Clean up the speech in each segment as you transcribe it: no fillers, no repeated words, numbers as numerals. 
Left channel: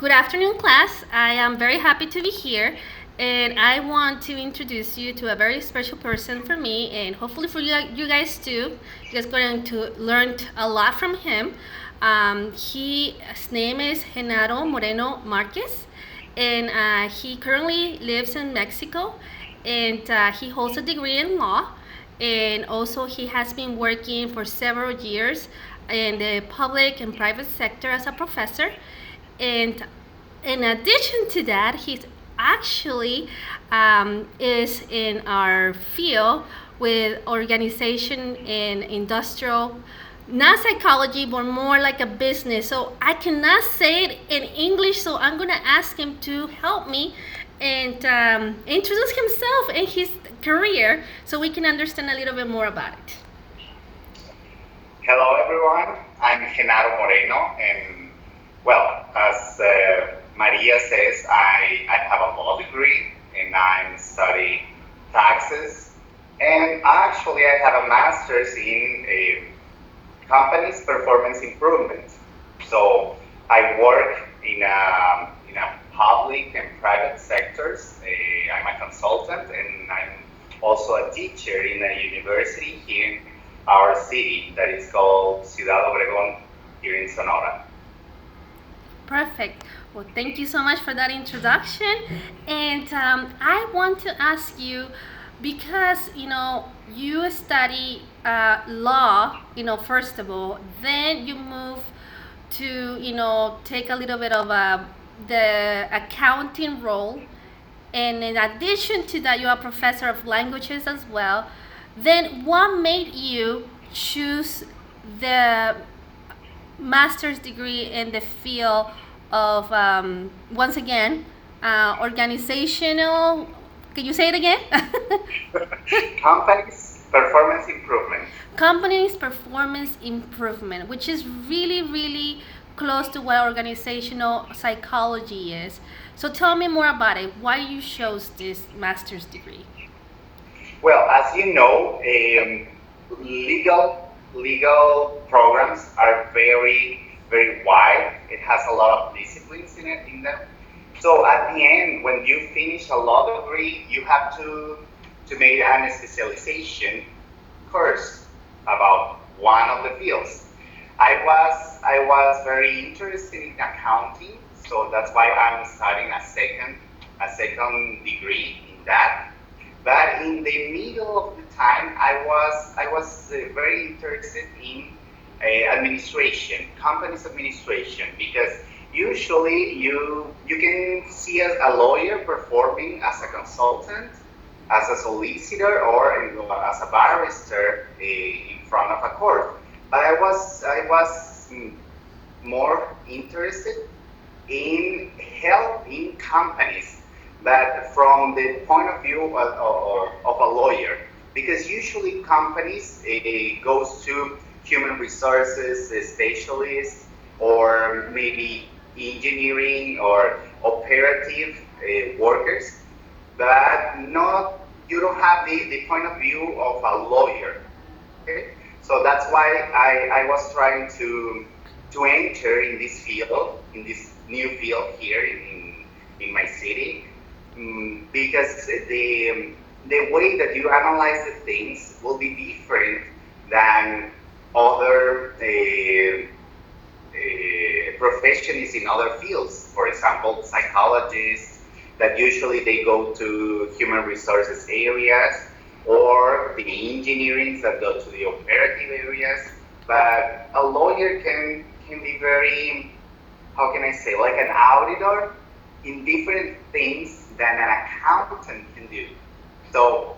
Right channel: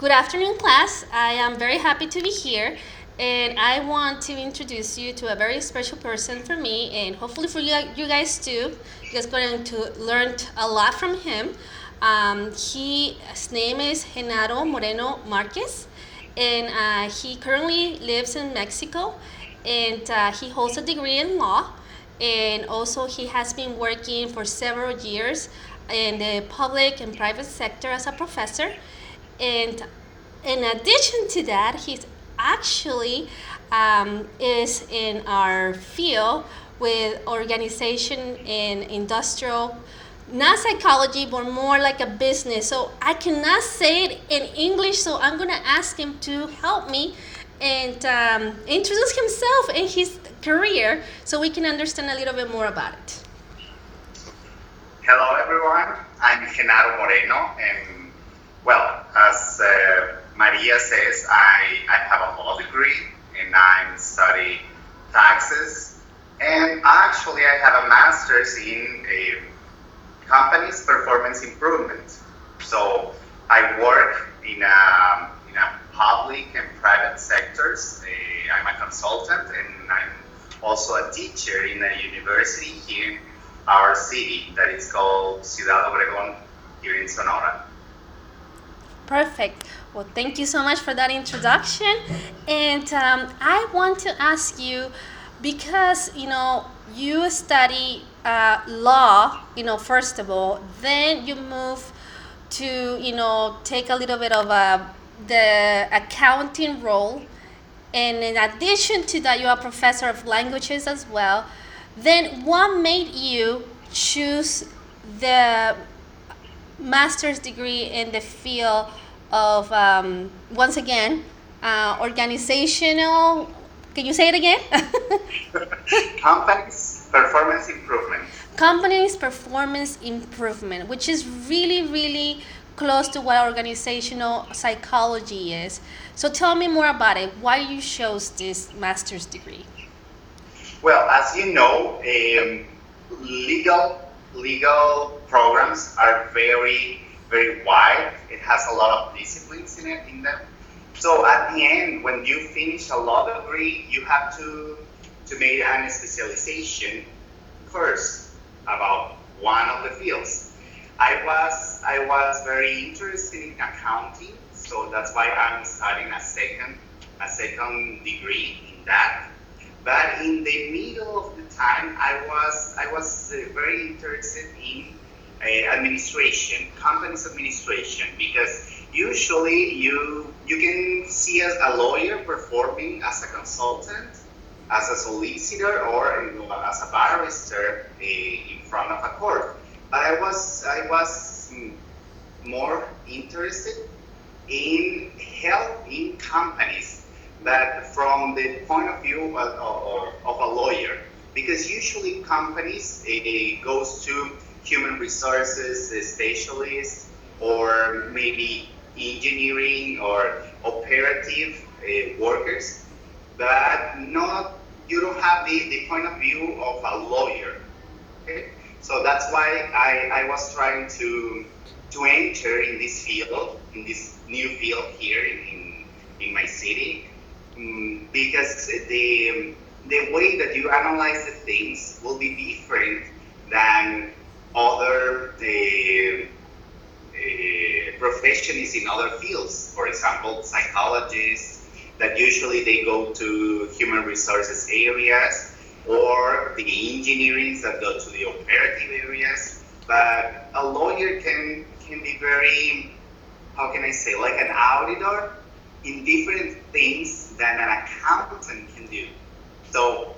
Good afternoon, class. I am very happy to be here, and I want to introduce you to a very special person for me, and hopefully for you guys too. You guys going to learn a lot from him. His name is Genaro Moreno Marquez, and he currently lives in Mexico, and he holds a degree in law, and also he has been working for several years in the public and private sector as a professor. And in addition to that, he's actually is in our field with organization and industrial, not psychology, but more like a business. So I cannot say it in English, so I'm gonna ask him to help me and introduce himself and his career so we can understand a little bit more about it. Hello, everyone. I'm Genaro Moreno, and as Maria says, I have a law degree and I'm studying taxes. And actually, I have a master's in companies performance improvement. So I work in a public and private sectors. I'm a consultant and I'm also a teacher in a university here in our city that is called Ciudad Obregón here in Sonora. Perfect. Well, thank you so much for that introduction. And I want to ask you because, you study law, first of all, then you move to, take a little bit of the accounting role. And in addition to that, you're a professor of languages as well. Then what made you choose the master's degree in the field of once again organizational, can you say it again? Companies performance improvement. Companies performance improvement, which is really really close to what organizational psychology is. So tell me more about it, why you chose this master's degree. Well, as you know, legal programs are very wide. It has a lot of disciplines in them. So at the end, when you finish a law degree, you have to make an specialization first about one of the fields. I was very interested in accounting, so that's why I'm studying a second degree in that. But in the middle of the time, I was very interested in administration, companies administration, because usually you can see as a lawyer performing as a consultant, as a solicitor, or as a barrister in front of a court. But I was more interested in helping companies, but from the point of view of a lawyer, because usually companies goes to human resources specialists or maybe engineering or operative workers, but not you don't have the point of view of a lawyer. Okay, so that's why I was trying to enter in this field, in this new field here in my city, because the way that you analyze the things will be different than other professions in other fields. For example, psychologists that usually they go to human resources areas, or the engineering that go to the operative areas. But a lawyer can be very, how can I say, like an auditor in different things than an accountant can do. So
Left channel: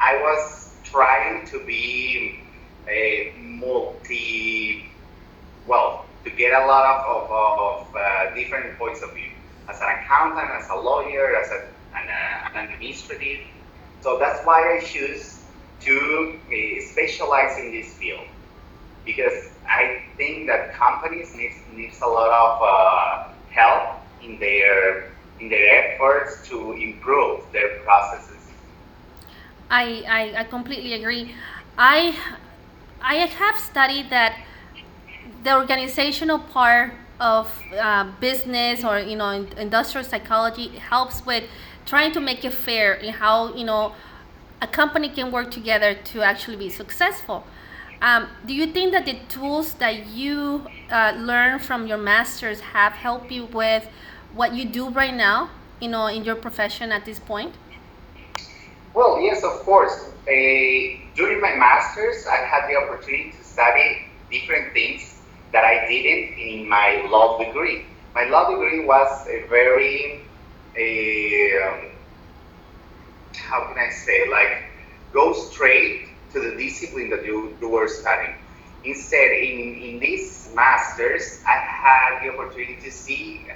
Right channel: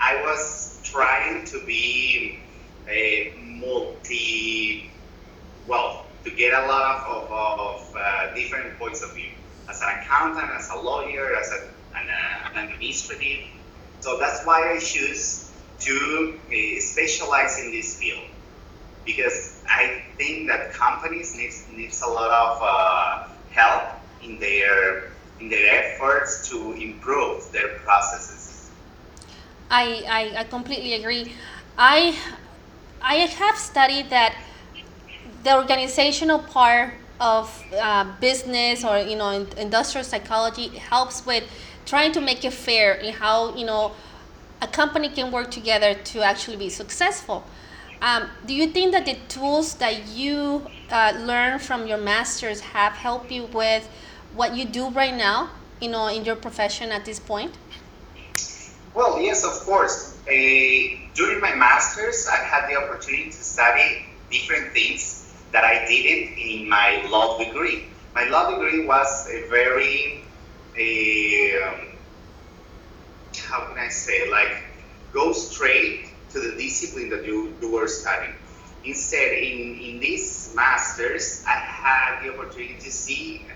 I was trying to be a to get a lot of different points of view as an accountant, as a lawyer, as an administrative. So that's why I choose to specialize in this field, because I think that companies needs a lot of help in their efforts to improve their processes. I completely agree. I I have studied that the organizational part of business or industrial psychology helps with trying to make it fair in how a company can work together to actually be successful. Do you think that the tools that you learn from your masters have helped you with what you do right now, in your profession at this point? Well, yes, of course. During my master's, I had the opportunity to study different things that I didn't in my law degree. My law degree was a very, how can I say, like, go straight to the discipline that you were studying. Instead, in this master's, I had the opportunity to see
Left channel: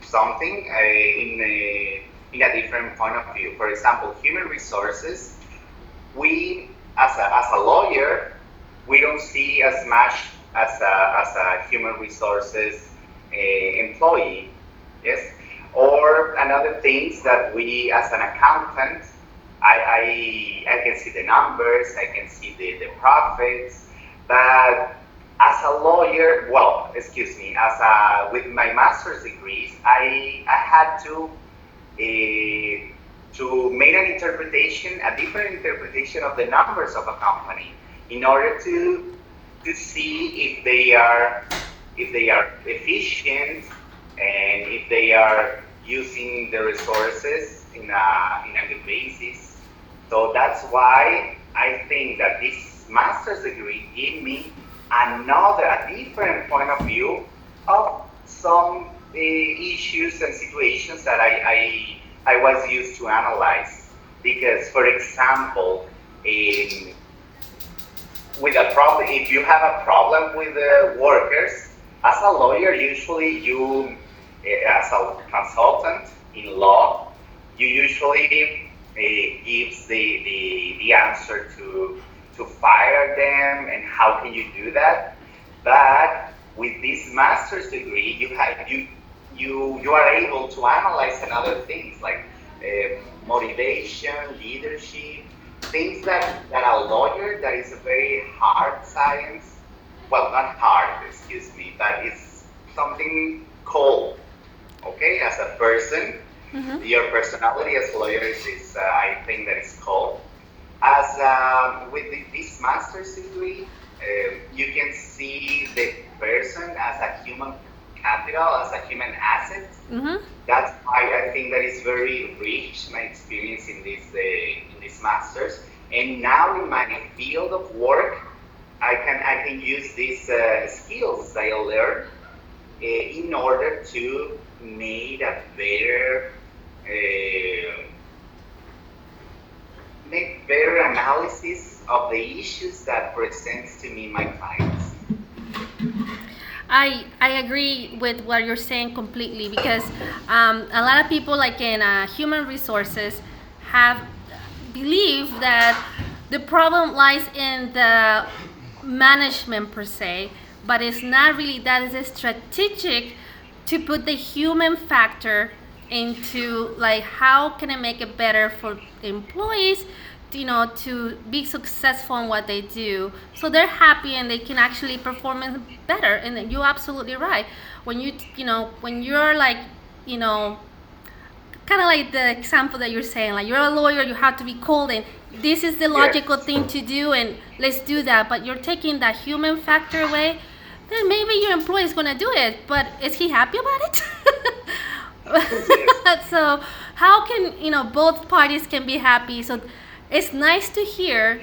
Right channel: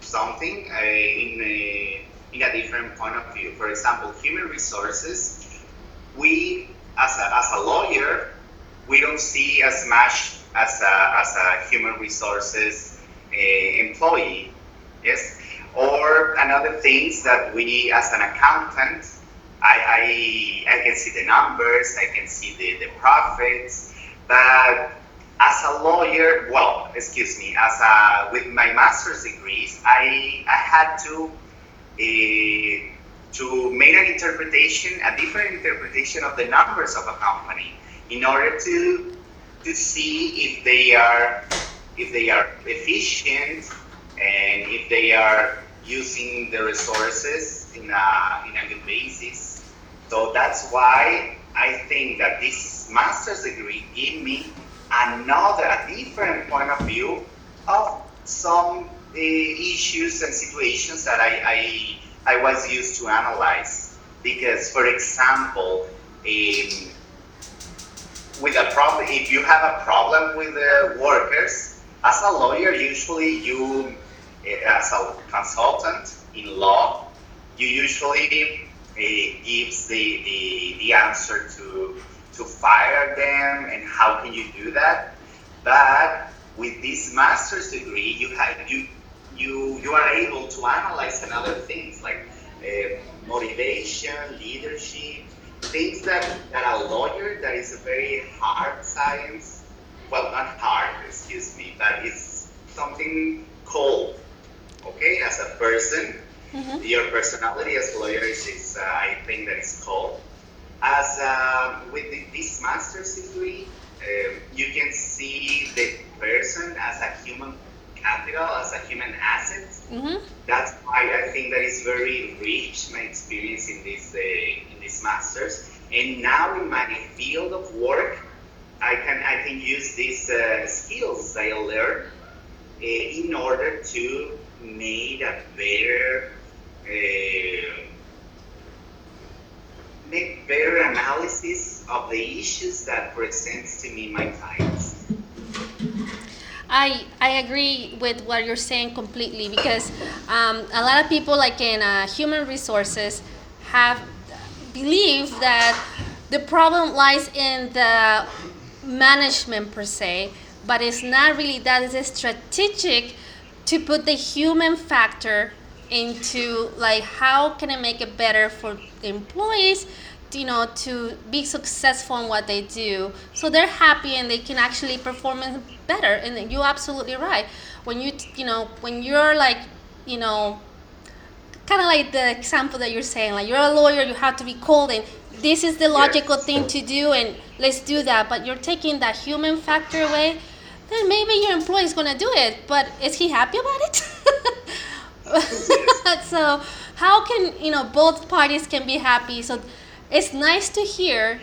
something in a different point of view. For example, human resources, we, as a lawyer, we don't see as much as a human resources employee, yes? Or another things that we, as an accountant, I can see the numbers, I can see the profits, but as a lawyer, well, excuse me, with my master's degrees, I had to make an interpretation, a different interpretation of the numbers of a company in order to see if they are efficient and if they are using the resources in a good basis. So that's why I think that this master's degree gave me a different point of view of some issues and situations that I was used to analyze. Because, for example, with a problem, if you have a problem with the workers, as a lawyer, usually you, as a consultant in law, you usually gives the answer to fire them and how can you do that. But with this master's degree, you are able to analyze another things like motivation, leadership, things that a lawyer, that is a very hard science, well, not hard, excuse me, but it's something cold, okay, as a person. Mm-hmm. Your personality as a lawyer is I think that is cold. As with this master's degree, you can see the person as a human capital, as a human asset. Mm-hmm. That's why I think that is very rich, my experience in this masters. And now in my field of work, I can use these skills that I learned in order to uh, make better analysis of the issues that presents to me my clients. I agree with what you're saying completely because a lot of people like in human resources have believe that the problem lies in the management per se, but it's not really that. It's strategic to put the human factor into like how can I make it better for the employees, to be successful in what they do, so they're happy and they can actually perform better. And you're absolutely right. When when you're like, you know kind of like the example that you're saying, like you're a lawyer, you have to be cold and this is the logical Yes. thing to do and let's do that, but you're taking that human factor away, then maybe your employee is going to do it, but is he happy about Yes. it? So how can both parties can be happy? So it's nice to hear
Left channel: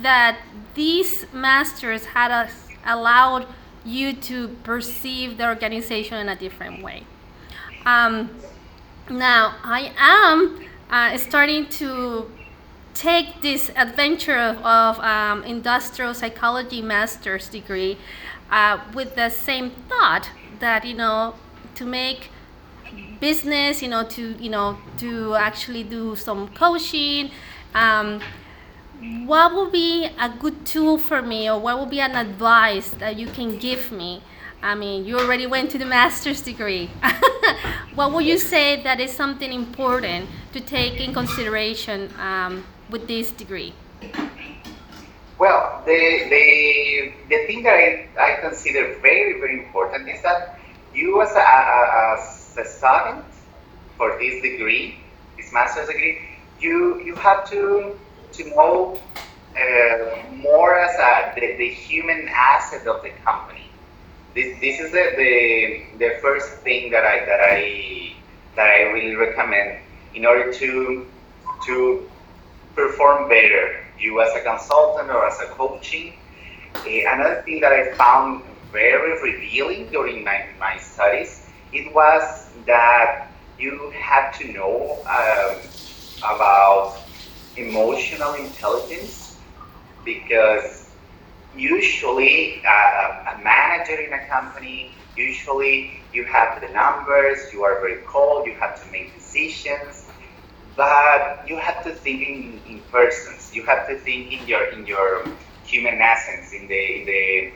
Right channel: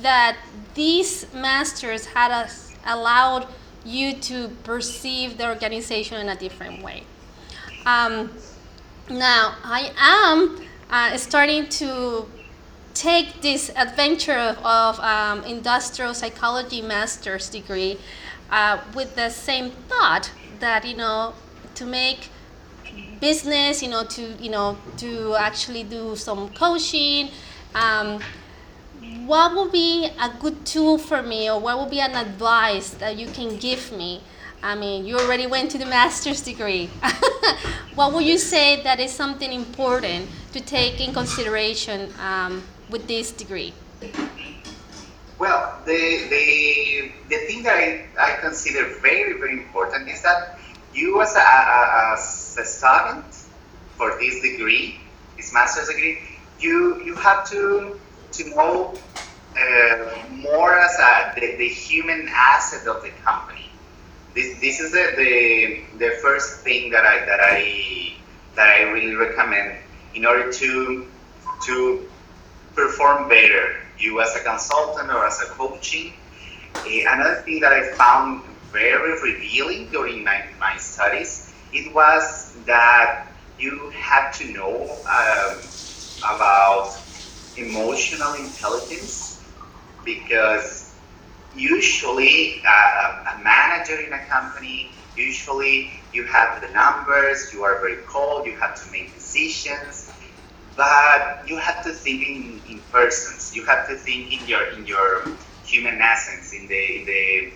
that these masters had us allowed you to perceive the organization in a different way. um, Now I am starting to take this adventure of industrial psychology master's degree with the same thought that to make business, to actually do some coaching. Um, what would be a good tool for me, or what would be an advice that you can give me? I mean, you already went to the master's degree. What would you Yes. say that is something important to take in consideration with this degree? Well, the thing that I consider very, very important is that you as a student for this degree, this master's degree, you have to know more as the human asset of the company. This is the first thing that I really recommend in order to perform better. You as a consultant or as a coaching. Another thing that I found very revealing during my studies, it was that you had to know about emotional intelligence, because usually a manager in a company, usually you have the numbers, you are very cold, you have to make decisions, but you have to think in persons. You have to think in your human essence, in the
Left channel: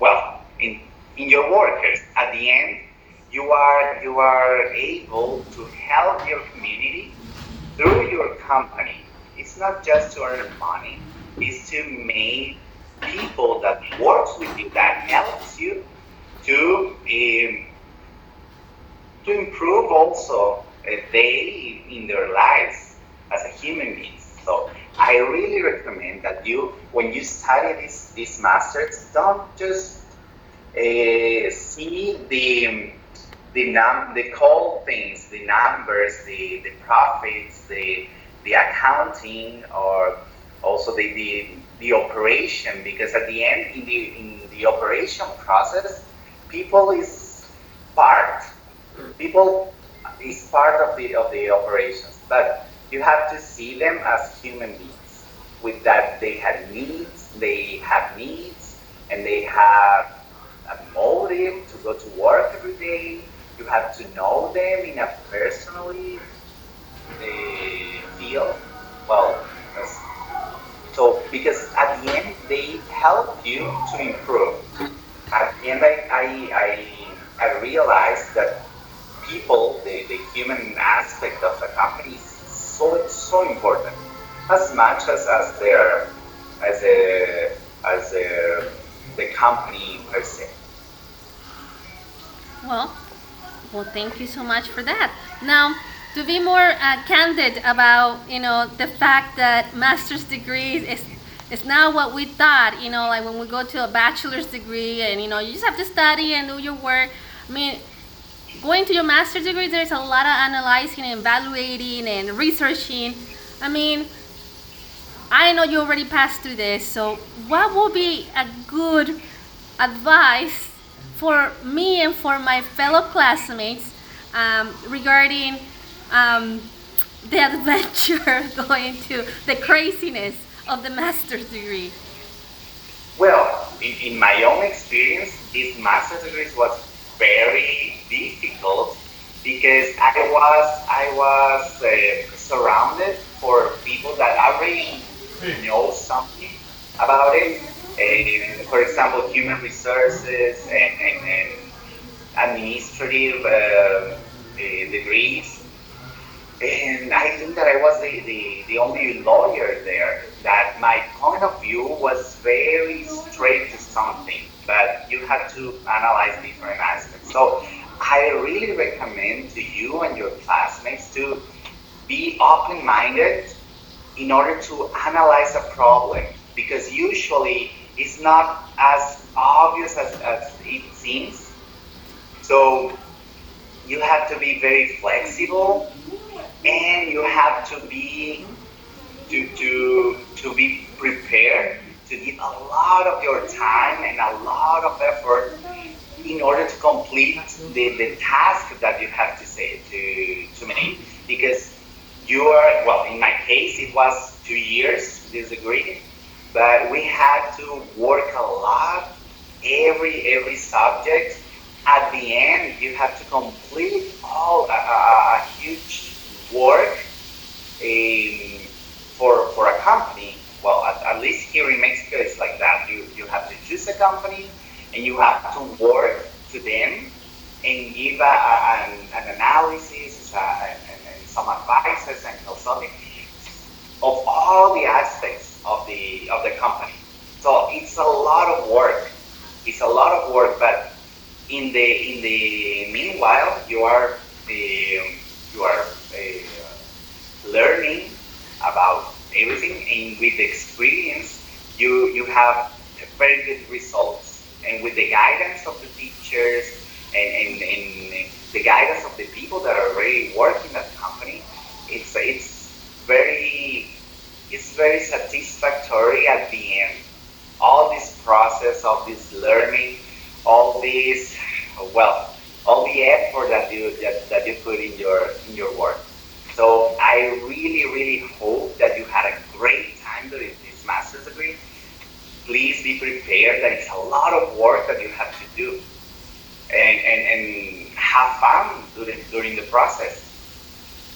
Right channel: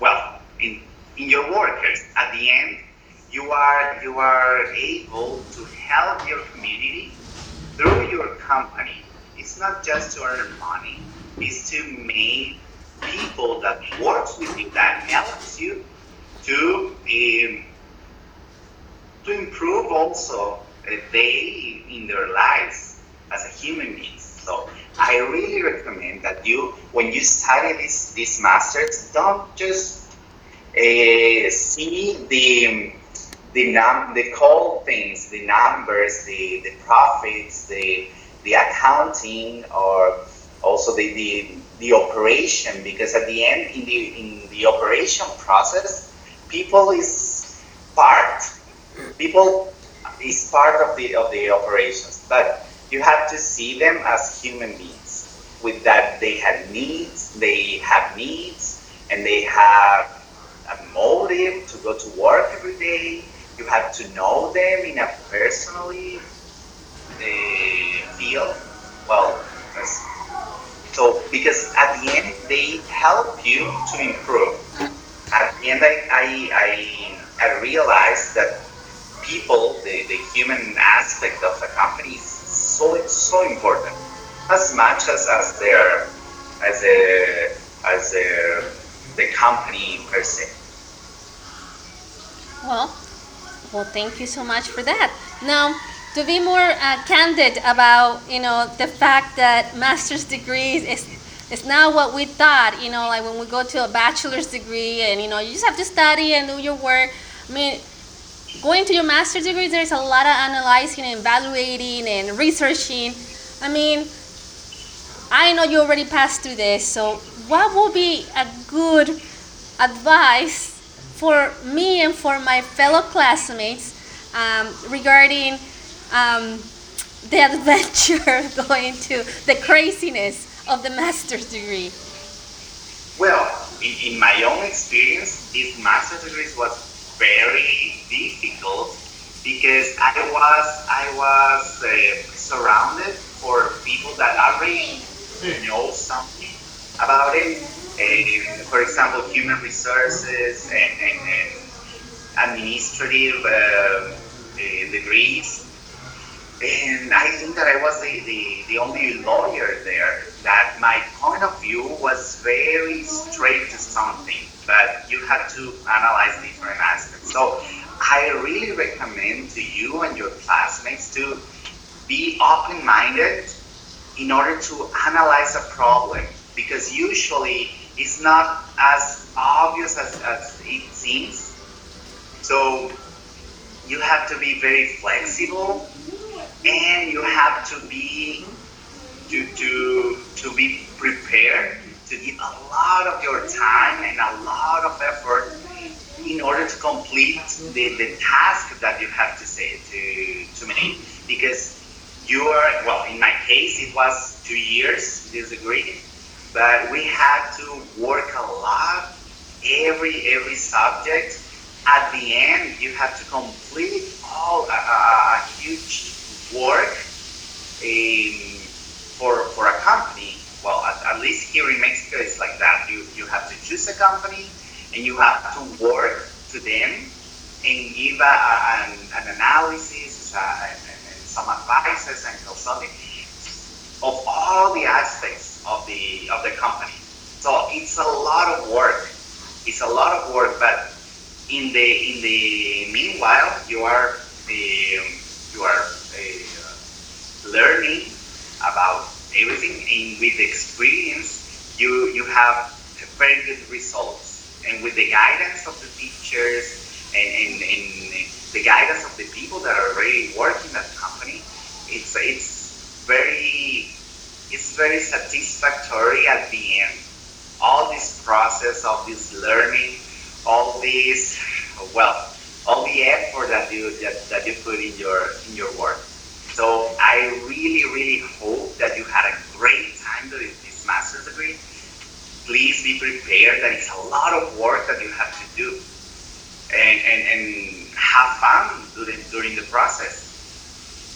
well, in your workers. At the end, you are able to help your community through your company. It's not just to earn money, it's to make people that works with you, that helps you to to improve also they in their lives as a human beings. So I really recommend that you, when you study this masters, don't just see the cold things, the numbers, the profits, the accounting, or also the operation, because at the end, in the operation process, people is part people is part of the operations, but you have to see them as human beings. With that, they have needs, and they have a motive to go to work every day. You have to know them in a personally field. Well, so because at the end they help you to improve. At the end, I realized that people, the human aspect of a company is so important, as much as their as the company per se. Well, well, thank you so much for that. Now, to be more candid about the fact that master's degrees is not what we thought. Like when we go to a bachelor's degree and you just have to study and do your work. I mean, going to your master's degree, there's a lot of analyzing and evaluating and researching. I mean, I know you already passed through this, so what would be a good advice for me and for my fellow classmates regarding um, the adventure going to the craziness of the master's degree? Well, in my own experience, this master's degree was very difficult because I was surrounded for people that already know something about it. For example, human resources and administrative degrees. And I think that I was the only lawyer there, that my point of view was very straight to something, but you have to analyze different aspects. So I really recommend to you and your classmates to be open-minded in order to analyze a problem, because usually it's not as obvious as it seems. So you have to be very flexible, and you have to be prepared to give a lot of your time and a lot of effort in order to complete the task that you have to say to make, because you are, well, in my case it was 2 years this degree, but we had to work a lot, every subject. At the end, you have to complete all a huge work for a company. Well, at least here in Mexico, it's like that. You have to choose a company, and you have to work to them and give an analysis and some advices and consulting of all the aspects of the company. So it's a lot of work. It's a lot of work, but in the meanwhile, you are learning about everything, and with the experience, you have very good results. And with the guidance of the teachers and the guidance of the people that are already working at the company, it's very it's very satisfactory at the end. All this process of this learning, all this well, all the effort that you put in your work. So I really, really hope that you had a great time doing this master's degree. Please be prepared that it's a lot of work that you have to do, and have fun during the process.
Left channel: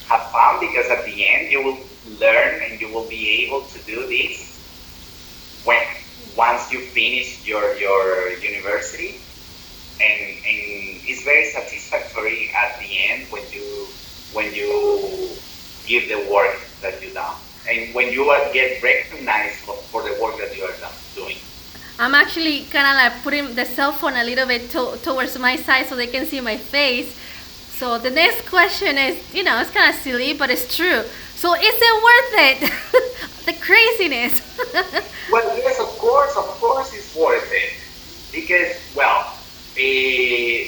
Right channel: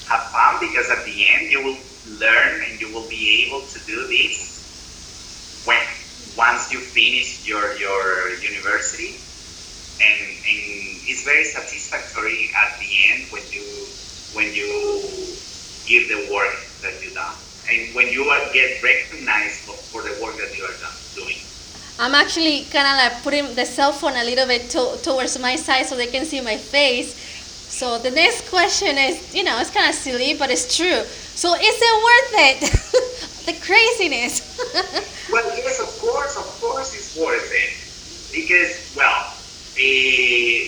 Have fun, because at the end you will learn and you will be able to do this when once you finish your university, and it's very satisfactory at the end when you give the work that you done, and when you get recognized for the work that you are doing. I'm actually kind of like putting the cell phone a little bit towards my side so they can see my face. So the next question is, it's kind of silly, but it's true. So is it worth it? The craziness. Well, yes, of course, it's worth it, because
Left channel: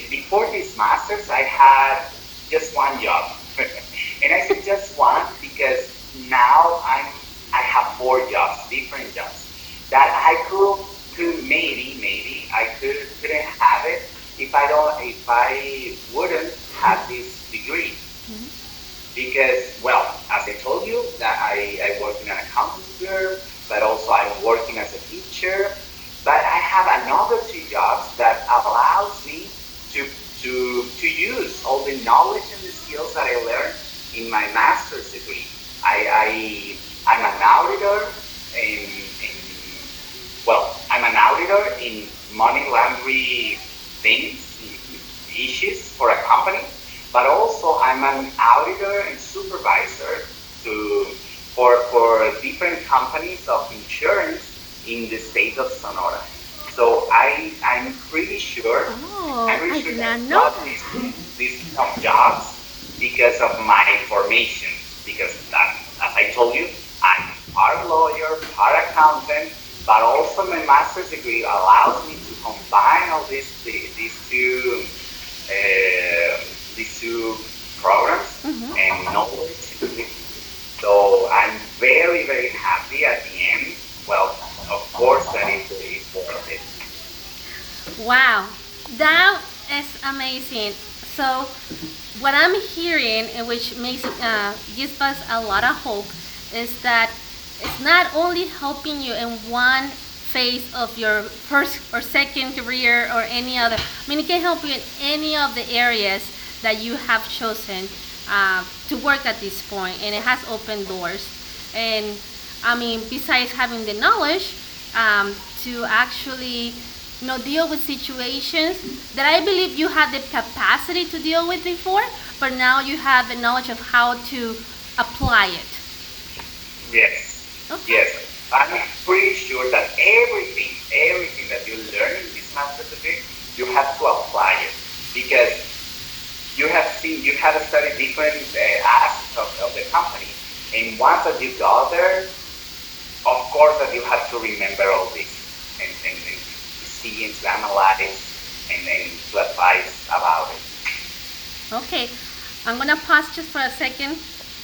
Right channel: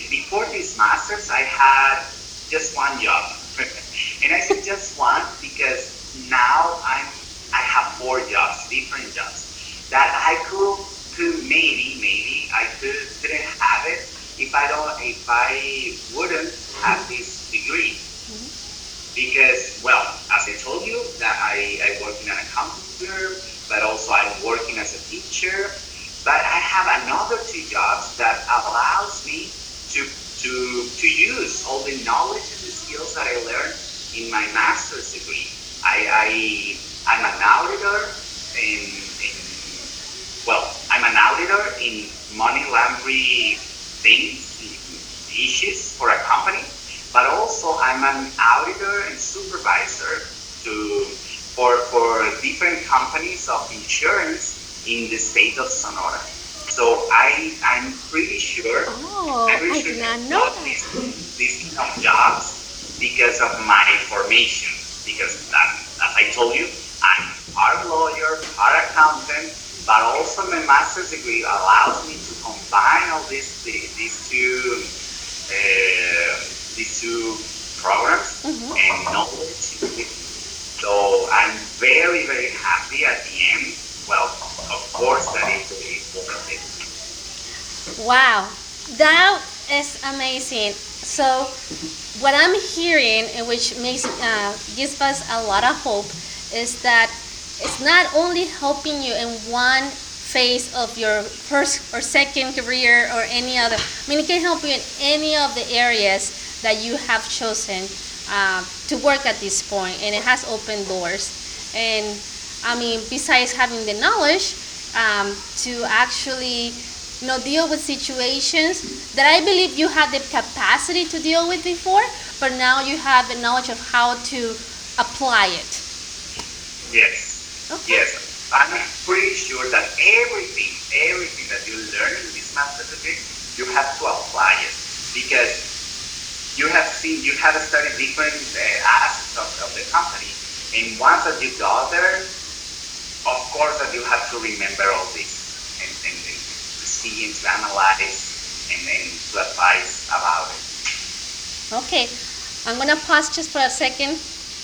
before this masters, I had just one job, and I said just one because now I have four jobs, different jobs, that I could maybe I couldn't have it if I wouldn't have this degree. Because, as I told you, that I work in an accounting firm, but also I'm working as a teacher. But I have another two jobs that allows me to use all the knowledge and the skills that I learned in my master's degree. I'm an auditor I'm an auditor in money laundering things, issues for a company, but also I'm an auditor and supervisor for different companies of insurance in the state of Sonora. So I'm pretty sure I that did not I know got that. these kind of jobs because of my formation. Because as I told you, I'm part lawyer, part accountant, but also my master's degree allows me to combine all these two programs and knowledge. So I'm very, very happy at the end. Well, of course, that it's worth it. Wow, that is amazing. So, what I'm hearing, and which gives us a lot of hope, is that it's not only helping you in one phase of your first or second career or any other. I mean, it can help you in any of the areas that you have chosen to work at this point, and it has opened doors. And I mean, besides having the knowledge to actually deal with situations that I believe you had the capacity to deal with before, but now you have the knowledge of how to apply it. Yes, Okay. yes. I'm pretty sure that everything that you learn in this master's degree, you have to apply it, because you have studied different aspects of the company, and once that you go there, of course that you have to remember all this, and to see and to analyze and then to advise about it. Okay, I'm gonna pause just for a second